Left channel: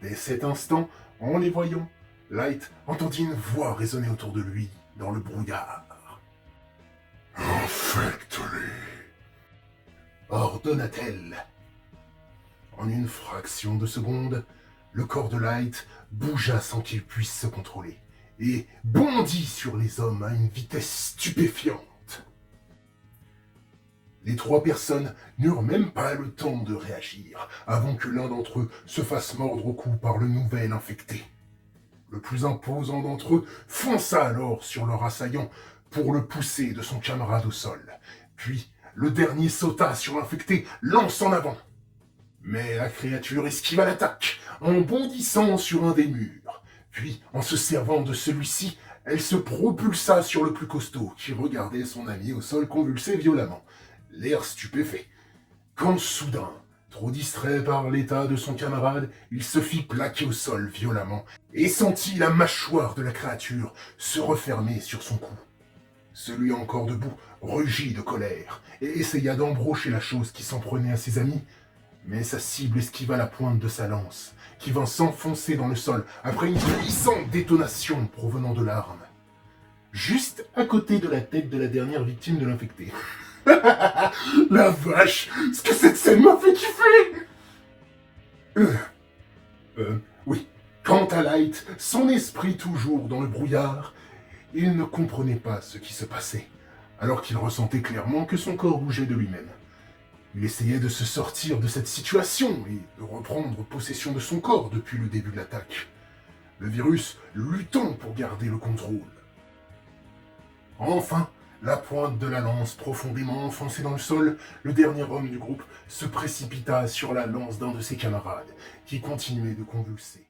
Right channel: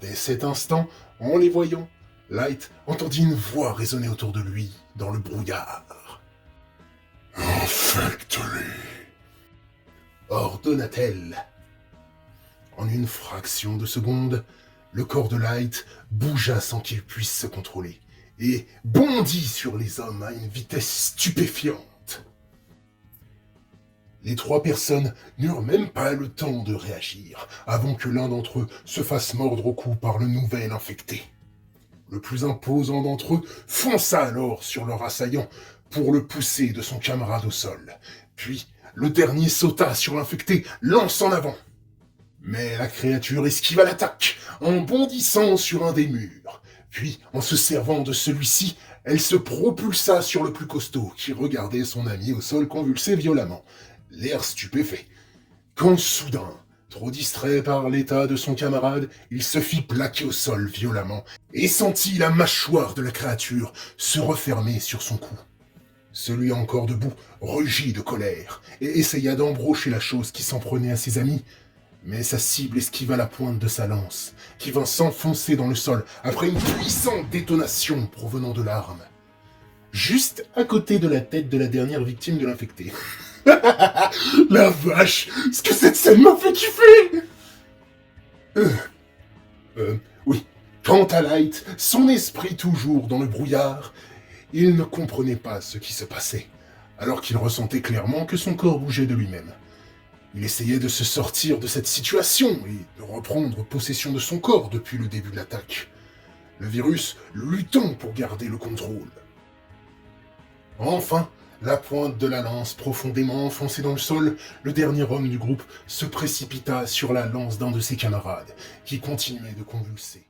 Dès cet instant, en les voyant, Light entendit une voix résonner autour de lui, dans le brouillard. Infecte-les, ordonna-t-elle. En une fraction de seconde, le corps de Light bougea sans qu'il puisse se contrôler et bondit sur les hommes à une vitesse stupéfiante. Les trois personnes n'eurent même pas le temps de réagir avant que l'un d'entre eux se fasse mordre au cou par le nouvel infecté. Le plus imposant d'entre eux fonça alors sur leur assaillant pour le pousser de son camarade au sol. Puis, le dernier sauta sur l'infecté, lance en avant. Mais la créature esquiva l'attaque en bondissant sur un des murs. Puis, en se servant de celui-ci, elle se propulsa sur le plus costaud, qui regardait son ami au sol convulsé violemment, l'air stupéfait. Quand soudain, trop distrait par l'état de son camarade, il se fit plaquer au sol violemment et sentit la mâchoire de la créature se refermer sur son cou. Celui encore debout rugit de colère et essaya d'embrocher la chose qui s'en prenait à ses amis, mais sa cible esquiva la pointe de sa lance, qui vint s'enfoncer dans le sol après une puissante détonation provenant de l'arme, juste à côté de la tête de la dernière victime de l'infecté. La vache, ce que cette scène m'a fait kiffer. Oui. Quant à Light, son esprit toujours dans le brouillard, il ne comprenait pas ce qui se passait, alors qu'il ressentait clairement que son corps bougeait de lui-même. Il essayait de se sortir de cette situation et de reprendre possession de son corps depuis le début de l'attaque. Le virus luttant pour garder le contrôle. Enfin, la pointe de la lance profondément enfoncée dans le sol, le dernier homme du groupe se précipita sur la lance d'un de ses camarades, qui continuait de convulser.